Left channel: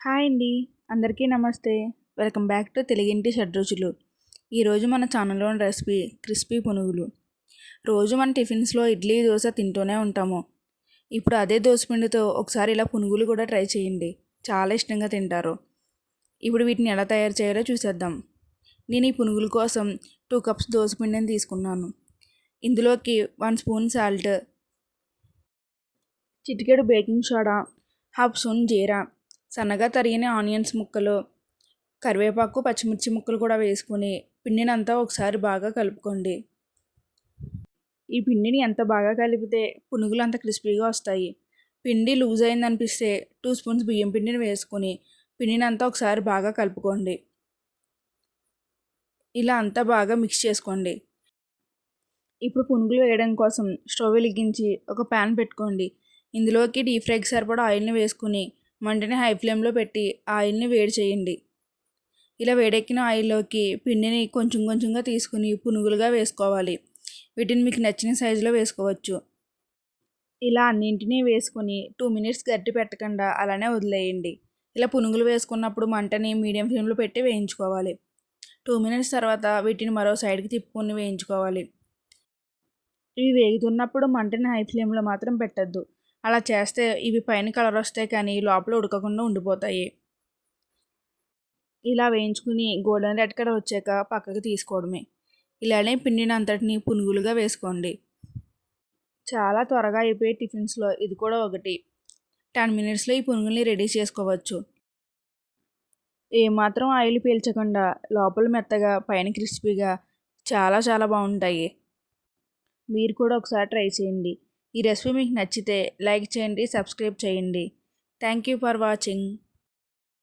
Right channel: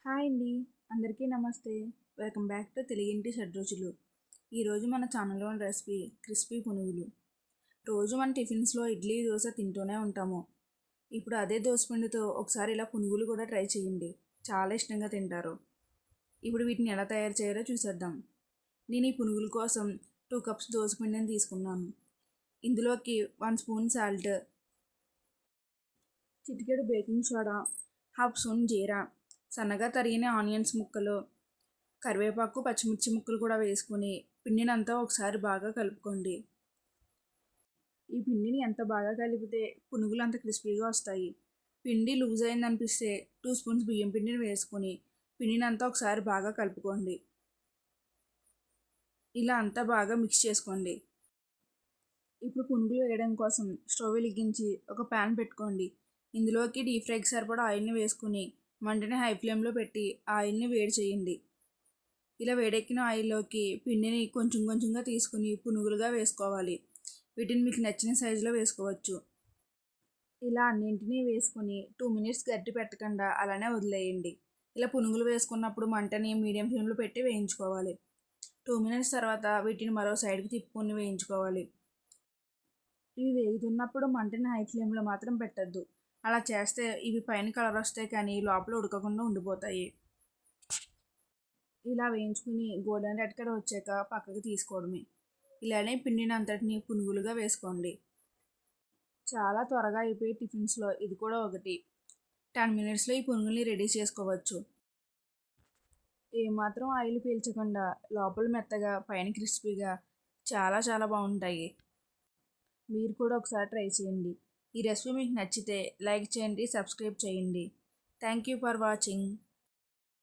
Hi అండి. అందరికీ నమస్తే. వెల్కమ్ బ్యాక్ టు తెలుగింటి షడ్రుచులు. ఈరోజు మన ఛానల్లోని రెసిపీ క్రిస్పీ పునుగులు. రోజు మన టిఫిన్స్లో ఇడ్లీ దోశ తింటూనే ఉంటాము. ఇప్పుడు అదే దోశపిండితో ఒకసారి ఇలా పునుగులు కూడా ట్రై చేయండి. చాలా ఇష్టంగా తింటారు. ఇప్పుడు వీటిని ఎలా తయారు చేయాలో చూసేద్దాం. నేను ఈ పునుగుల కోసం టూ కప్స్ దోశపిండిని తీసుకున్నాను. ఇందులోకి వన్ స్పూన్ సాల్ట్ చిటికెడు బేకింగ్ సోడా హాఫ్ స్పూన్ జీరా సన్నగా తరిగిన ఆనియన్స్ ముక్కలు కరివేపాకు పచ్చిమిర్చి ముక్కలు కూడా వేసుకొని పిండినంతా ఒకసారి బాగా కలుపుకోండి. ఈ పిండిని ఎంత బాగా కలిపితే పునుగులు అంత క్రిస్పీగా వస్తాయి. పిండి లూజ్ అయిందనిపిస్తే టూ స్పూన్స్ బియ్యం పిండిని వేసుకొని పిండిని అంతా ఒకసారి బాగా కలుపుకోండి. ఇలా అంతా బాగా మిక్స్ చేసుకోండి. ఇప్పుడు పునుగులు వేయడం కోసం స్టవ్ వెలిగించి ఒక ప్యాన్ పెట్టుకోండి. ఇందులోకి డీప్ ఫ్రైకి సరిపడా ఆయిల్ని వేసుకుని మంటని హై ఫ్లేమ్లో పెట్టి ఆయిల్ని వేడి చేయండి. ఇలా వేడెక్కిన ఆయిల్లోకి పిండిని కొంచెం కొంచెంగా తీసుకుని పునుగులుగా వేసుకోవాలి. వీటిని మీకు నచ్చిన సైజులో వేసుకోవచ్చు. ఇలా అన్నింటినీ వేసుకొని టూ మినిట్స్ గట్టి పెట్టకుండా అలానే వదిలేయండి. ఇలా పునుగులు వేసుకున్నప్పుడు మంటని మీడియం ఫ్లేమ్లో పెట్టి వేయించుకోవాలి. టూ మినిట్స్ తర్వాత వీటిని మరో సైడ్కి తిప్పుకొని వేయించుకోవాలి. ఇవి వేగుతున్నప్పుడు మంటని హై ఫ్లేమ్లో మాత్రం పెట్టద్దు. అలా చేస్తే ఇవి పైన కలర్ వస్తాయి కానీ లోపల ఉడకకుండా ఉండిపోతాయి. ఇలా వేయించుకుని గోల్డెన్ రెడ్ కలర్ వచ్చాక పక్కకి తీసుకోవడమే. ఇలానే పిండిని అంతటిని పునుగులుగా వేసుకోండి. చాలా త్వరగా అయిపోయే టిఫిన్స్లో ఇది కూడా ఒకటి. టెన్ మినిట్స్లో ఈ పునుగుల్ని రెడీ చేసుకోవచ్చు. ఏమాత్రం ఆయిల్ పీల్చకుండా లోపల మెత్తగా పైన క్రిస్పీగా చాలా చాలా బాగుంటాయి. మీరు కూడా ఒకసారి ట్రై చేయండి. ఈ రెసిపీ మీకు నచ్చితే లైక్ చేయండి సబ్స్క్రైబ్ చేయండి. Thank you for watching